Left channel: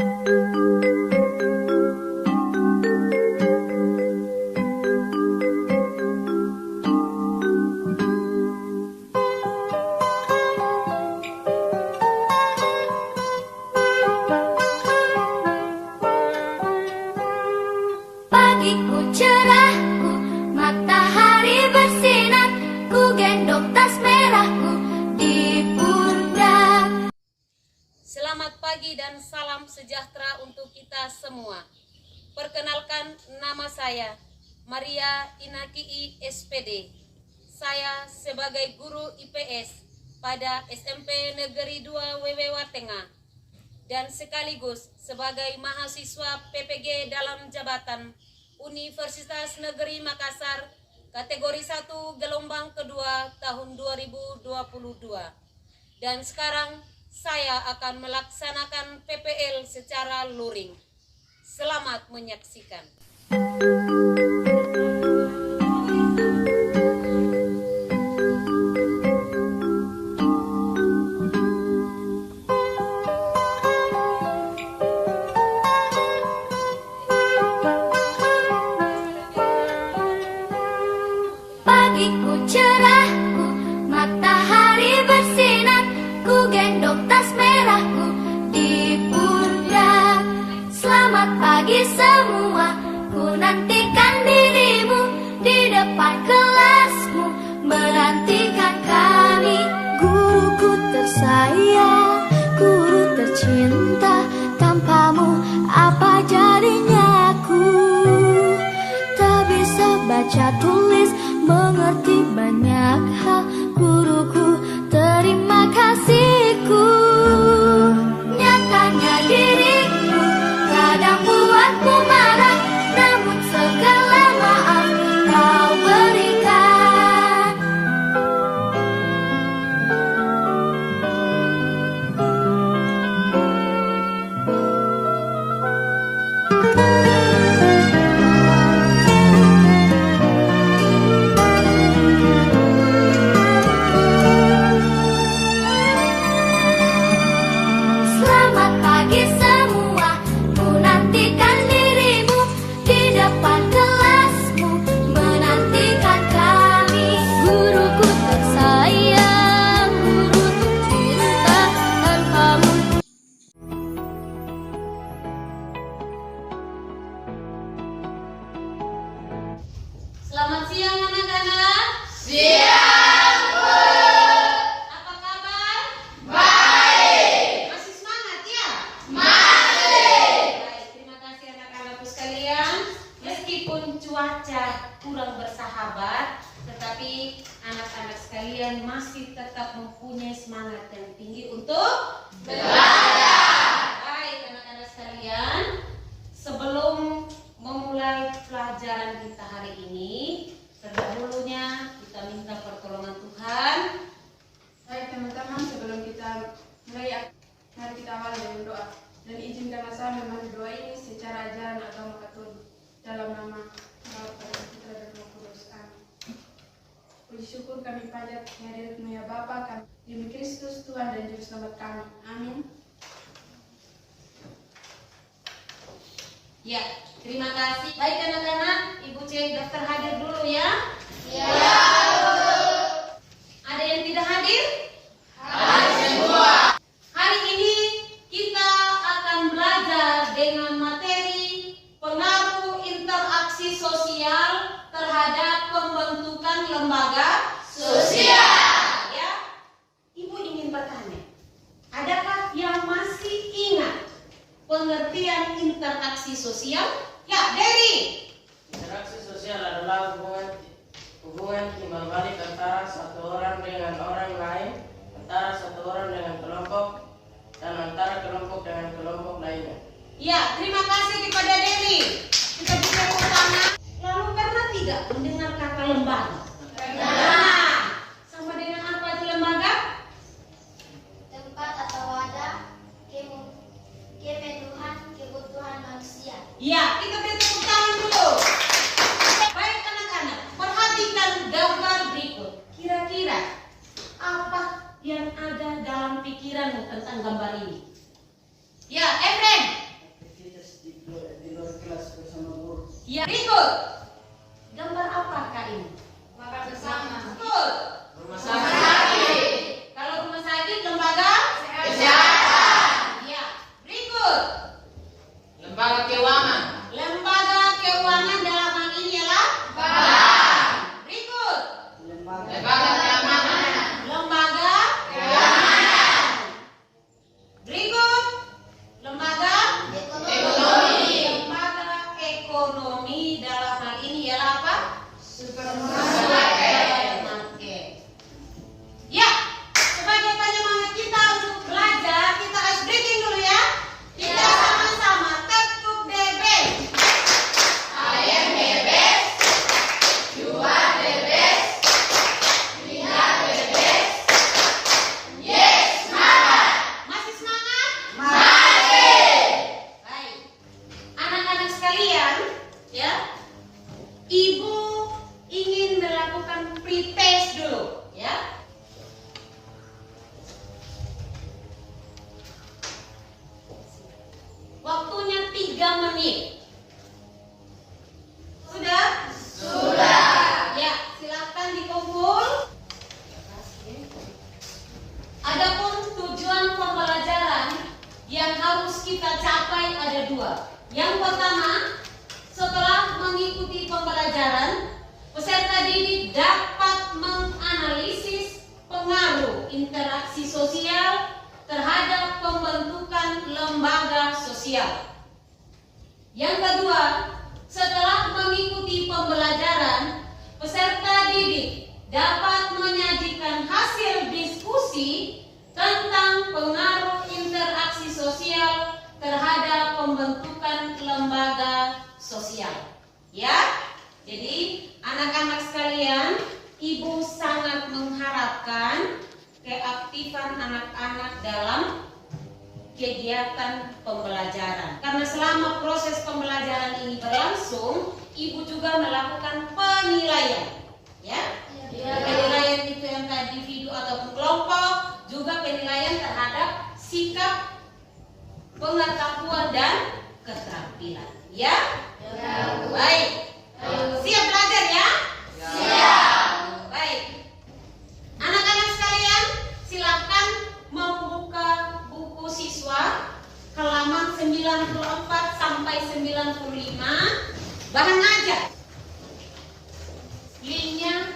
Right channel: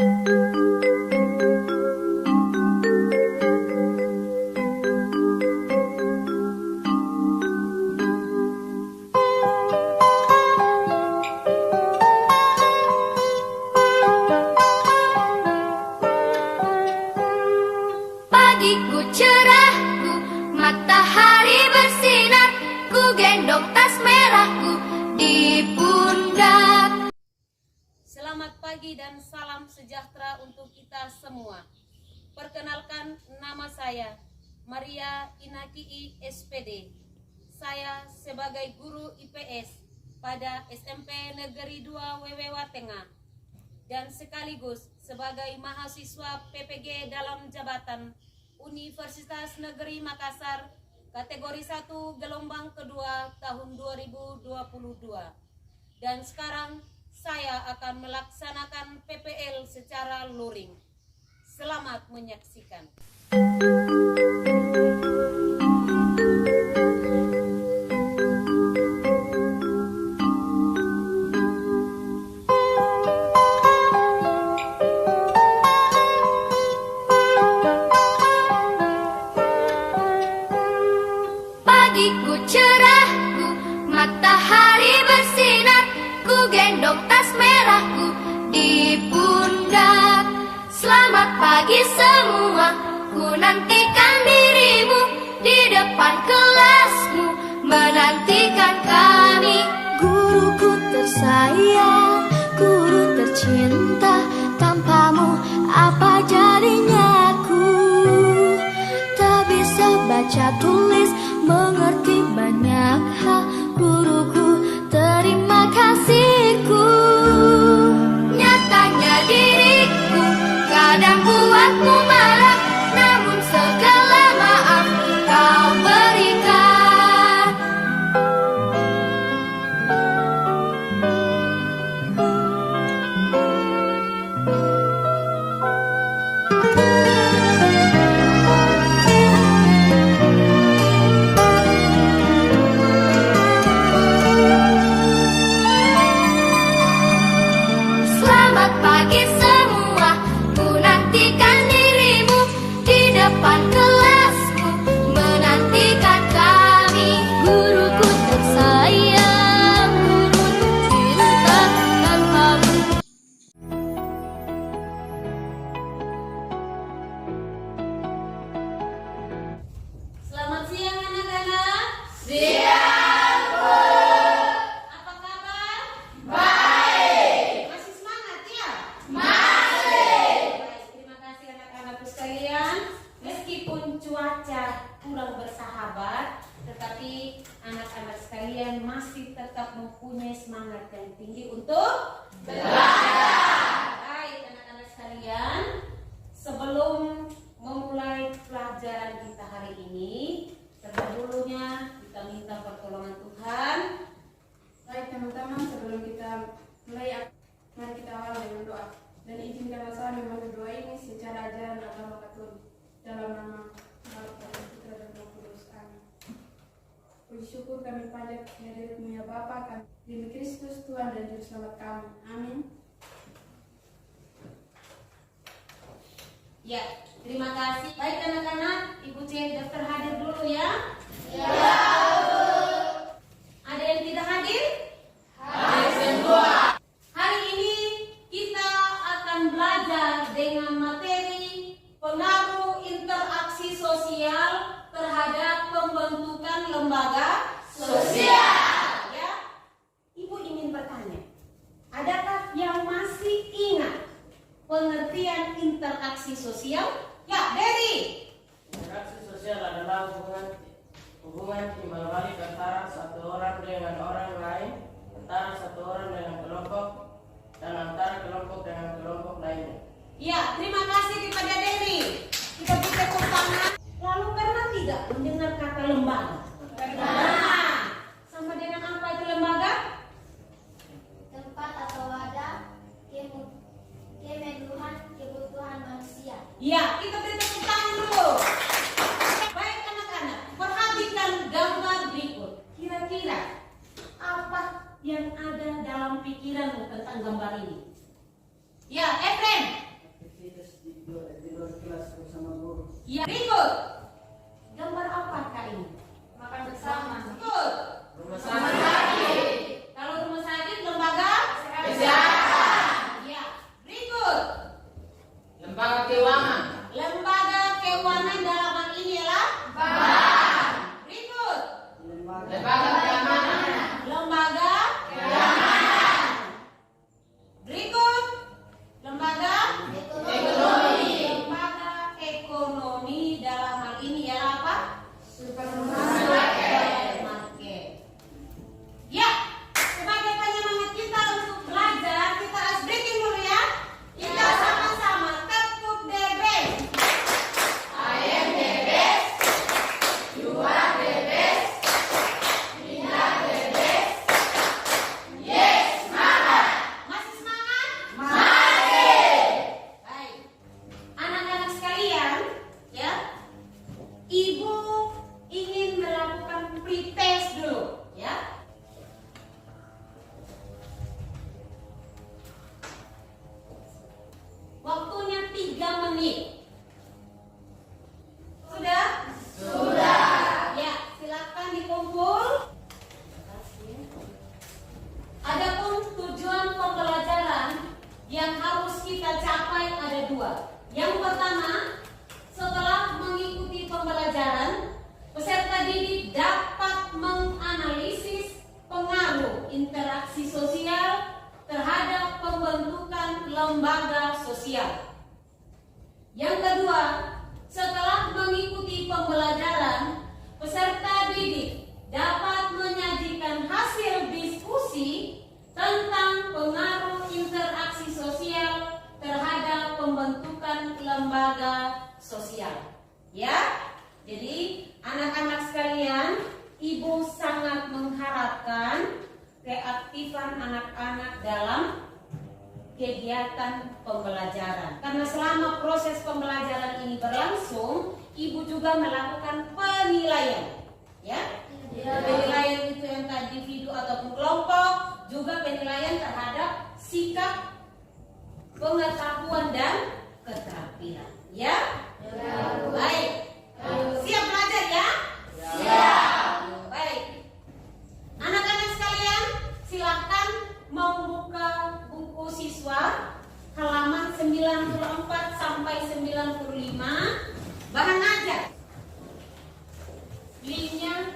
Pagiku cerahku, matahari bersinar, ku gendong tas merahku di pundak. Selamat pagi dan salam sejahtera untuk kita semua. Perkenalkan, nama saya Maria Inakii SPD. Saya sebagai guru IPS pada SMP Negeri 2 Wewewa Tengah dan sekaligus sebagai mahasiswa PPG dalam jabatan Universitas Negeri Makassar kategori 1 gelombang kedua tahun 2022. Dan sekarang saya akan melaksanakan PPL secara luring. Selamat menyaksikan. Pagiku cerahku, matahari bersinar, ku gendong tas merahku di pundak. Selamat pagi semua, ku nantikan dirimu di depan kelasmu, menantikan kami. Guruku tersayang, guru tercinta, tanpamu apa jadinya aku? Tak bisa baca tulis, mengerti banyak hal, guruku, terima kasihku. Nyatanya diriku kadang buatmu marah, namun segala maaf kau berikan. Selamat pagi semua, ku nantikan dirimu di depan kelasmu, menantikan kami. Guruku tersayang, guru tercinta, tanpamu. Selamat siang anak-anak. Siang, Bu. Apa kabar? Baik. Masih semangat ya? Masih. Baik, terima kasih anak-anakku sekalian. Meskipun cuaca kurang bersahabat, tetapi anak-anak sekalian masih tetap mempunyai semangat yang tinggi untuk Belajar. Baik anak-anak sekalian, sebelum memulai pelajaran kita hari ini, terdahulunya kita minta pertolongan Tuhan. Baik teman-teman, sebelum kita mulai, mari kita awali dengan doa. Dan izinkanlah saya membantu doa ini secara ajaran agama Katolik dalam nama Bapa dan Putra dan Roh Kudus. Amin. Puji syukur kami panjat kehadirat-Mu ya Bapa kami, demi Kristus Tuhan dan Juru Selamat kami. Amin. Ya, terima kasih. Baik anak-anak, Ibu cek daftar hadir dulu ya. Ya, Bu. Ada yang tidak hadir? Hai semua. Hari ini kita akan belajar dengan materi pengaruh interaksi sosial terhadap pembentukan lembaga Sosial. Ya, Ibu ingin bertanya, adakah yang masih ingat pengertian interaksi sosial? Ya, Dery. Interaksi sosial adalah hubungan timbal balik antara satu orang dengan orang lain, antara satu orang dengan kelompok, dan antara kelompok dengan kelompok lainnya. Ya, terima kasih kepada Dery. Kita beri tepuk tangan. Lalu pernah tidak mendengar kata lembaga? Nah, sama dengan apa itu lembaga? Tempat atau wadah kemenuhan kebutuhan manusia. Ya, kita beri tepuk tangan dulu. Baik anak-anak, perhatikan gambar berikut. Kira-kira apa yang ada dalam pikiranmu tentang gambar ini? Ya, Efrem, Ya, berikut. Gambar apakah ini? Makan bersama. Betul. Rumah sakit. Kalau rumah sakit, lembaga Kesehatan. ya. Berikut. Lembaga keuangan. Lembaga keuangan dalam hal ini ialah Bank. berikut. Lembaga keamanan. Lembaga Keamanan. berikut. Lembaga Ekonomi. lembaga ekonomi dalam hal ini ialah apa? Supermarket. Supermarket. Ya, sebagai penyemangat kita untuk belajar, kita ice breaking dulu ya. Kita sama-sama tekuk the best. I am the best. You are the best. We are the best. Yes, semangat. Masih semangat? Mari. Baik. Anak-anak sekalian, ya. Ibu ingin melakukan pretest dulu, ya. Waktunya 3 menit. Sudah? Sudah. Ya, silakan dikumpul. Adapun tujuan pembelajaran yang harus kita capai ada 2. Yang pertama, setelah mengikuti pembelajaran, peserta didik dapat menganalisis pengaruh interaksi sosial terhadap pembentukan lembaga sosial. Yang kedua, setelah mengikuti pembelajaran, peserta didik dapat menyajikan hasil diskusi tentang pengaruh interaksi sosial terhadap pembentukan lembaga sosial. Ya, jadi anak-anak sekalian, ibu sangat mengharapkan keaktifan anak-anak dalam kegiatan pembelajaran. Karena selama proses pembelajaran ini berlangsung, ibu juga melakukan penilaian. Ya, penilaian itu yang tadi individu ataupun kelompok, juga penilaian terhadap sikap, pengetahuan dan keterampilan. Ya, baik. Siap belajar ya? Siap. Baik. Anak-anak sekalian, silakan membuka buku siswa halaman 94 sampai 95, bahan ajar. Linknya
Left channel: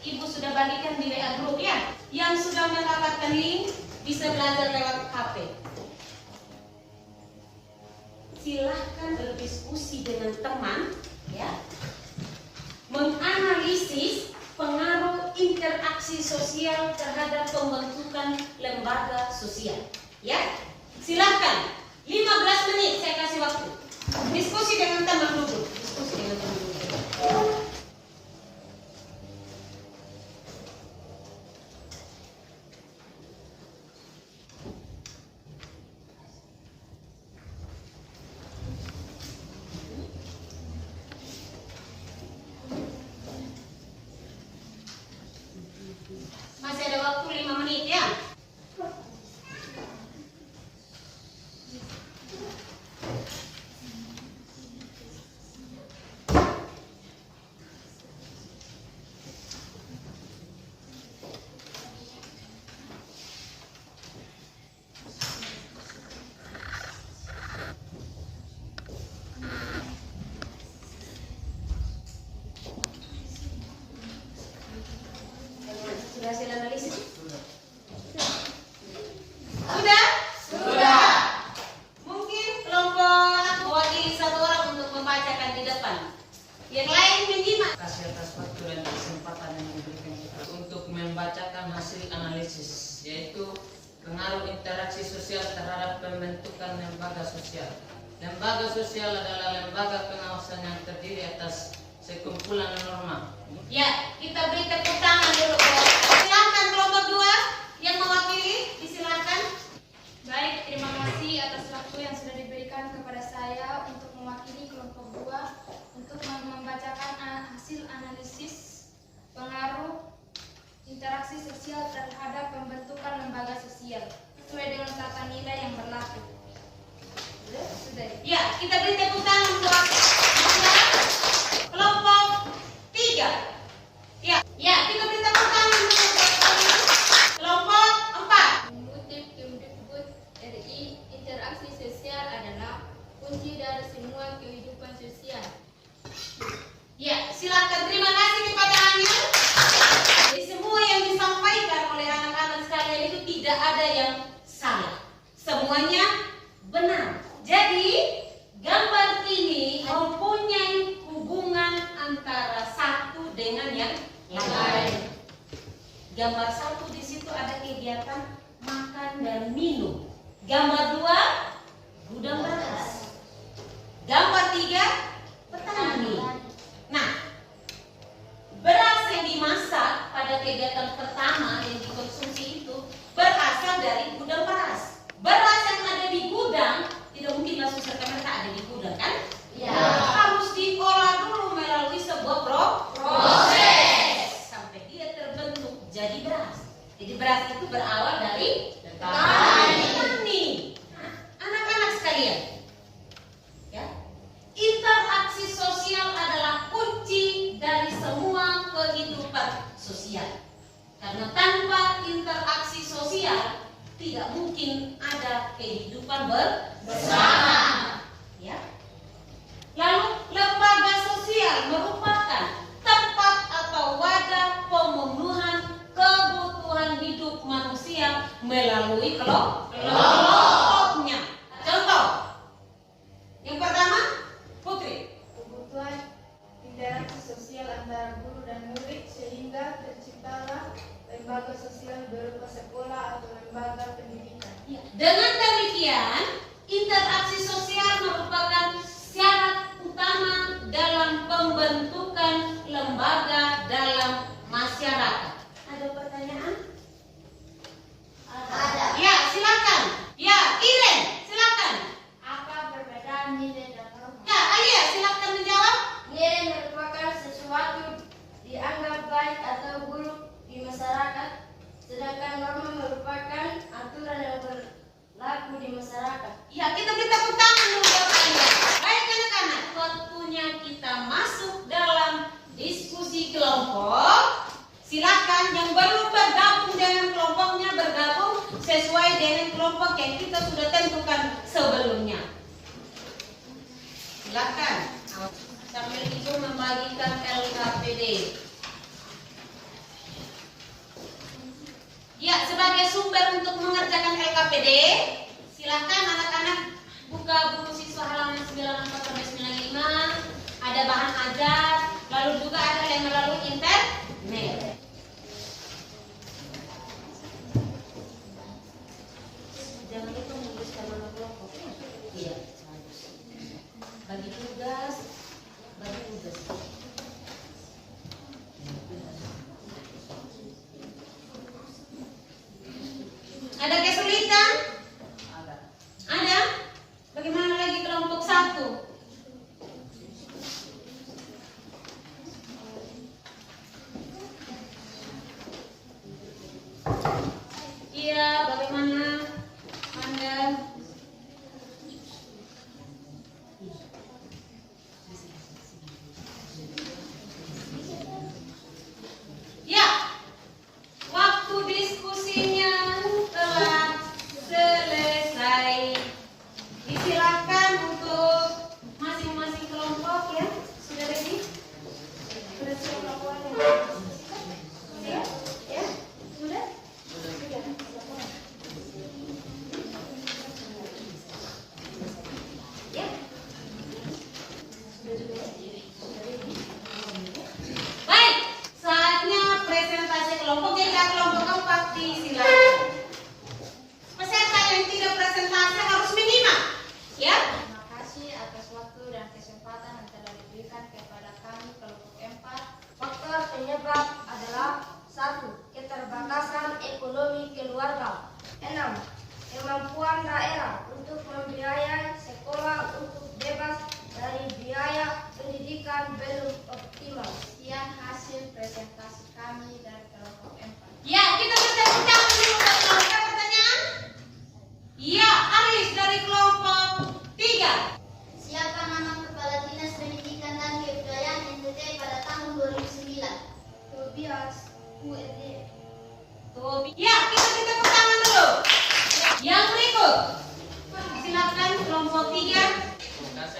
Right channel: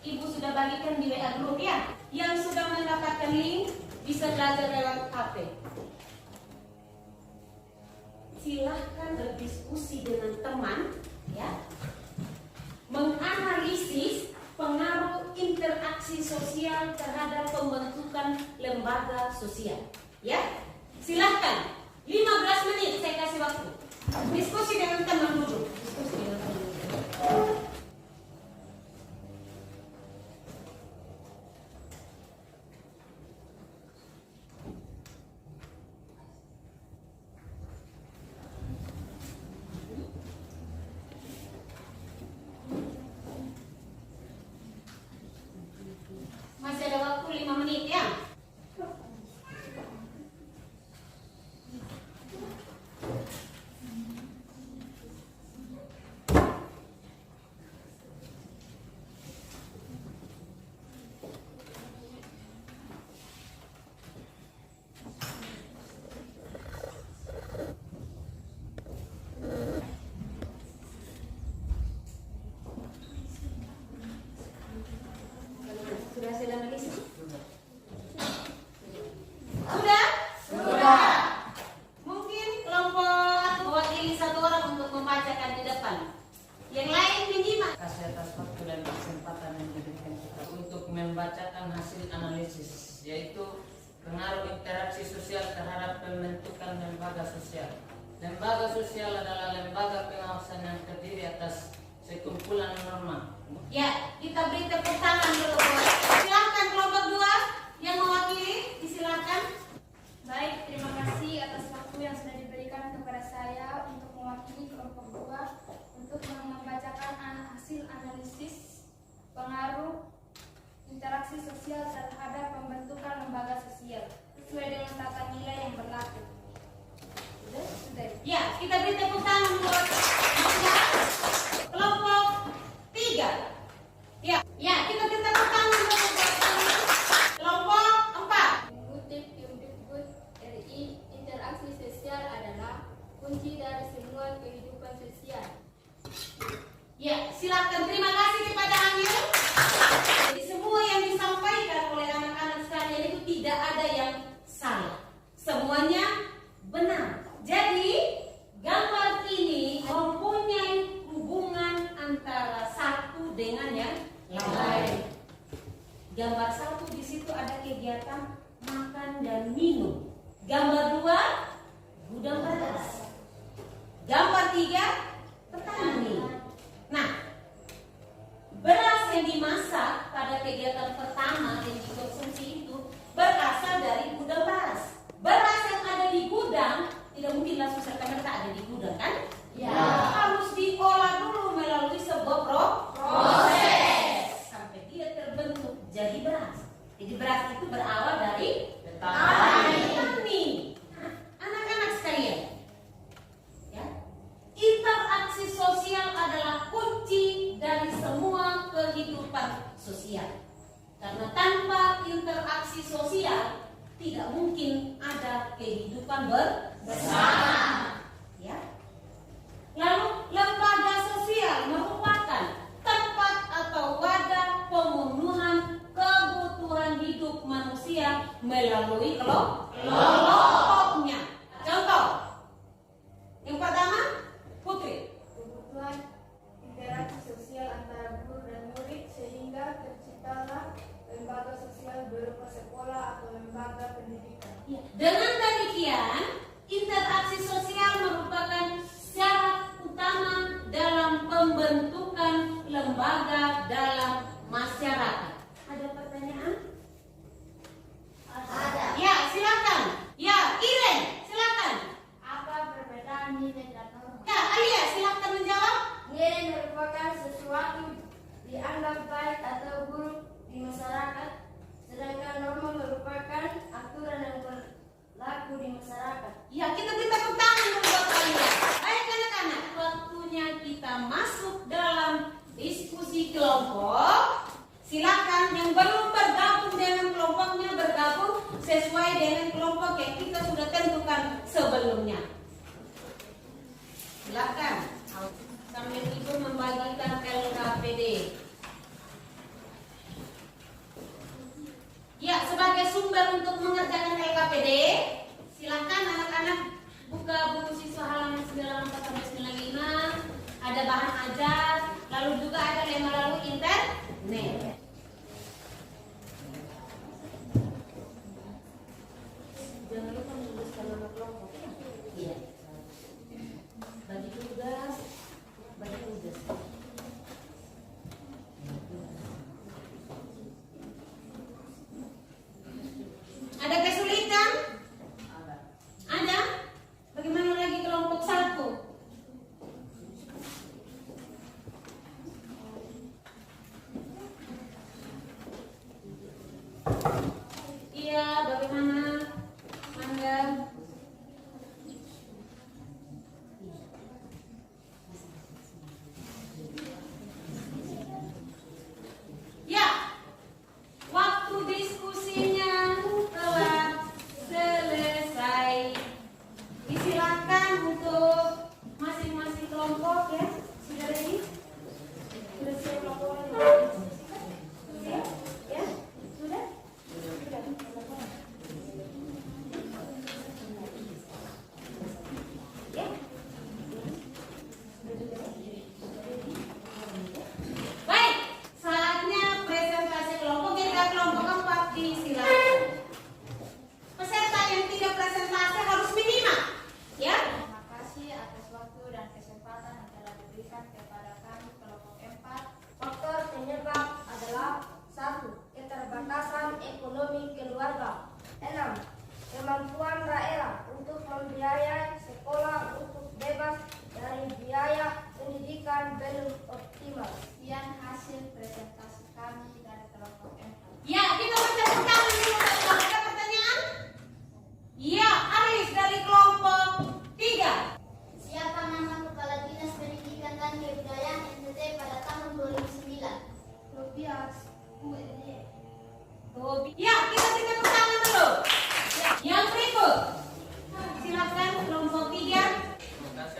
ibu sudah bagikan di WA group ya. Yang sudah mendapatkan link bisa belajar lewat HP. Silahkan berdiskusi dengan teman ya, menganalisis pengaruh interaksi sosial terhadap pembentukan lembaga sosial ya. Silahkan 15 menit saya kasih waktu. Diskusi dengan teman dulu. Diskusi dengan teman dulu. Masih ada waktu 5 menit ya. Sudah hasil analisis? Sudah? Sudah. Mungkin kelompok mewakili satu orang untuk membacakan di depan. Yang lain menyimak. Kasih atas waktu dan kesempatan yang diberikan kita untuk membacakan hasil analisis, yaitu pengaruh interaksi sosial terhadap pembentukan lembaga sosial. Lembaga sosial adalah lembaga pengawasan yang terdiri atas sekumpulan norma. Ya, kita beri tepuk tangan dulu. Silakan kelompok 2 yang mewakili, disilakan. Baik, terima kasih atas waktu yang sudah diberikan kepada saya untuk mewakili kelompok 2 untuk membacakan hasil analisis pengaruh interaksi sosial terhadap pembentukan lembaga sosial sesuai dengan tata nilai yang berlaku. Sudah. Ya, kita beri tepuk tangan untuk kunci dari semua kehidupan sosial. Ya, silakan. Terima kasih kepada Anda. Jadi semua yang disampaikan oleh anak-anak sekalian itu tidak ada yang salah. Semuanya benar. Jadi gambar ini mempunyai hubungan antara satu dengan yang lain. Gambar 1 di situ ada kegiatan makan dan minum. Gambar 2 gudang beras. Gambar 3 petani. Nah, beras yang dimasak pada kegiatan pertama yang dikonsumsi itu berasal dari gudang beras. Beras yang ada di gudang tidak mungkin langsung serta-merta ada di gudang, kan? Ya. Harus diolah dulu melalui sebuah proses sampai dia terbentuk jadi beras. Jadi beras itu berawal dari petani. Nah, anak-anak sekalian, ya, interaksi sosial adalah kunci dari semua kehidupan sosial. Karena tanpa interaksi sosial tidak mungkin ada kehidupan bersama. Ya. Lalu lembaga sosial merupakan tempat atau wadah pemenuhan kebutuhan hidup manusia melalui kelompoknya. Contoh, yang pertama, Putri. Kebutuhan interaksi sosial antara guru dan murid sehingga terciptalah lembaga sosial berupa sekolah atau lembaga pendidikan. Dengan demikian, interaksi sosial merupakan syarat utama dalam pembentukan lembaga dalam masyarakat. Ada pertanyaan? Ada. Ya, silakan. Ya, Iren, silakan. Apa perbedaan nilai dan norma? Ya, Alia, silakan menjawab. Nilai merupakan sesuatu dianggap baik atau buruk di masyarakat, sedangkan norma merupakan aturan yang berlaku di masyarakat. Ya, kita minta tepuk tangan dulu buat Alia. Baik anak-anak, waktunya kita masuk dalam diskusi kelompok. Silakan yang belum bergabung dengan kelompoknya bergabung sesuai dengan kelompok yang kita sudah tentukan sebelumnya. Silakan. Sambil itu membagikan LKPD. Ya, sebagai sumber untuk mengerjakan LKPD, silakan anak-anak buka buku siswa halaman 94-95. Ada bahan ajar, lalu juga ada yang melalui internet. Jangan lupa menuliskan nama kelompok. Iya, bagus. Bagi tugas. Ada kesulitan? Ada? Bagaimana lagi kelompok 1?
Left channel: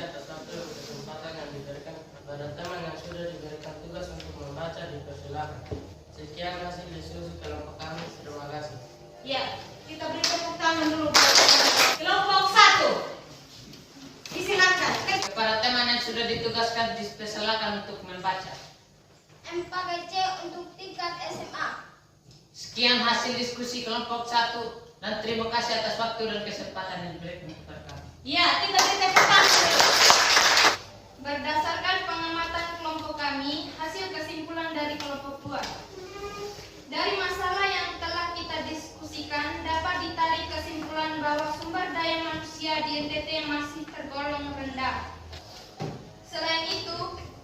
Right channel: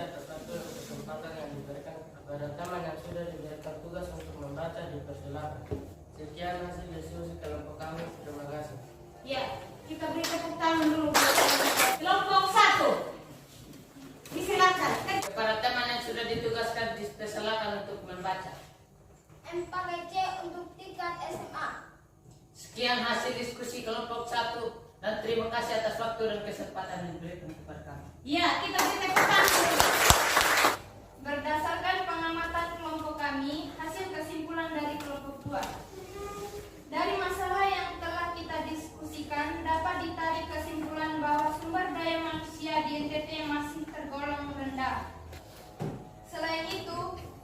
membaca, tetapi kesempatan yang diberikan kepada teman yang sudah diberikan tugas untuk membaca dipersilakan. Sekian hasil diskusi kelompok kami. Terima kasih. Ya, kita beri tepuk tangan dulu buat kelompok 1. Disilakan. Kepada teman yang sudah ditugaskan dipersilakan untuk membaca. MPGC untuk tingkat SMA. Sekian hasil diskusi kelompok 1 dan terima kasih atas waktu dan kesempatan yang diberikan kepada kami. Ya, kita beri tepuk tangan. Berdasarkan pengamatan kelompok kami, hasil kesimpulan dari kelompok 2. Dari masalah yang telah kita diskusikan, dapat ditarik kesimpulan bahwa sumber daya manusia di NTT masih tergolong rendah. Selain itu,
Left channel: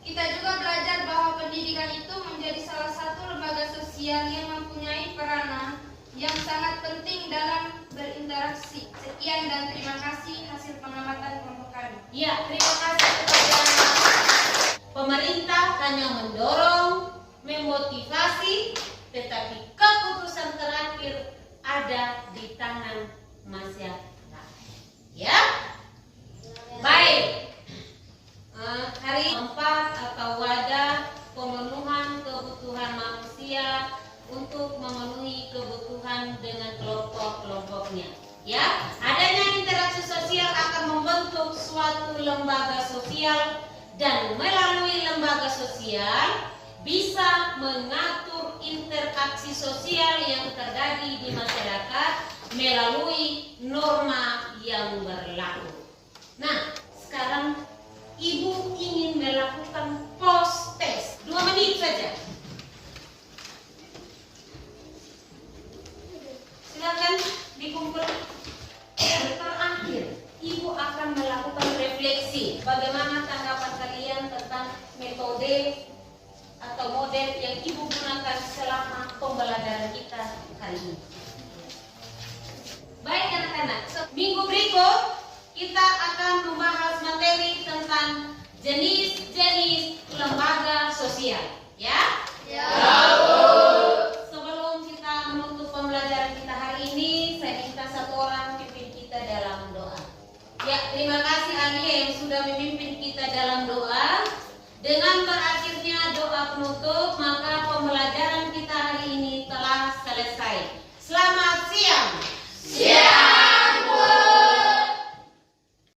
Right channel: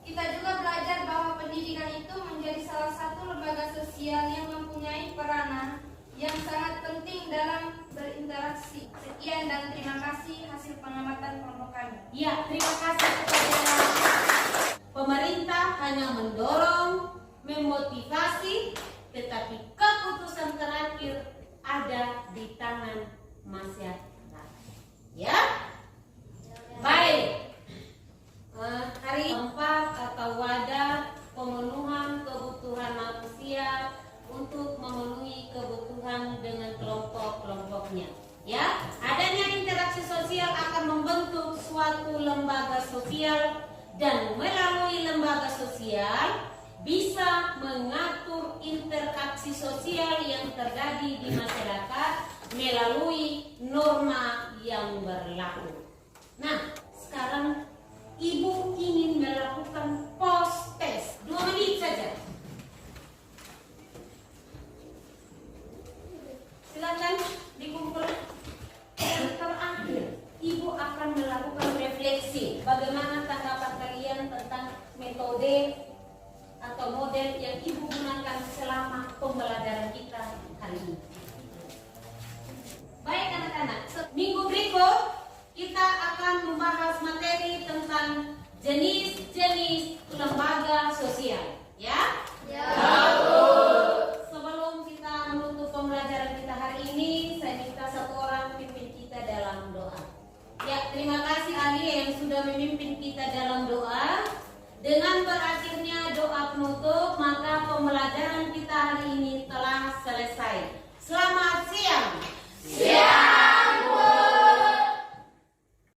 kita juga belajar bahwa pendidikan itu menjadi salah satu lembaga sosial yang mempunyai peranan yang sangat penting dalam berinteraksi. Sekian dan terima kasih hasil pengamatan kelompok kami. Ya, terima kasih kepada pemerintah hanya mendorong, memotivasi, tetapi keputusan terakhir ada di tangan masyarakat. Ya, baik. Hari keempat atau wadah pemenuhan kebutuhan manusia untuk memenuhi kebutuhan dengan kelompok-kelompoknya. Ya, adanya interaksi sosial akan membentuk suatu lembaga sosial dan melalui lembaga sosial bisa mengatur interaksi sosial yang terjadi di masyarakat melalui norma yang berlaku. Nah, sekarang Ibu ingin melakukan post test 2 menit saja. Silakan dikumpul. Terakhir, Ibu akan melakukan refleksi. Bagaimana tanggapan kalian tentang metode atau model yang Ibu gunakan selama pembelajaran kita hari ini? Baik anak-anak, minggu berikut kita akan membahas materi tentang jenis-jenis lembaga sosial. Ya? Ya. Sebelum kita menutup pembelajaran kita hari ini, saya minta satu orang pimpin kita dalam doa. Ya, terima kasih Andi yang sudah memimpin kita dalam doa. Dengan berakhirnya doa penutup, maka pembelajaran kita hari ini telah selesai. Selamat siang.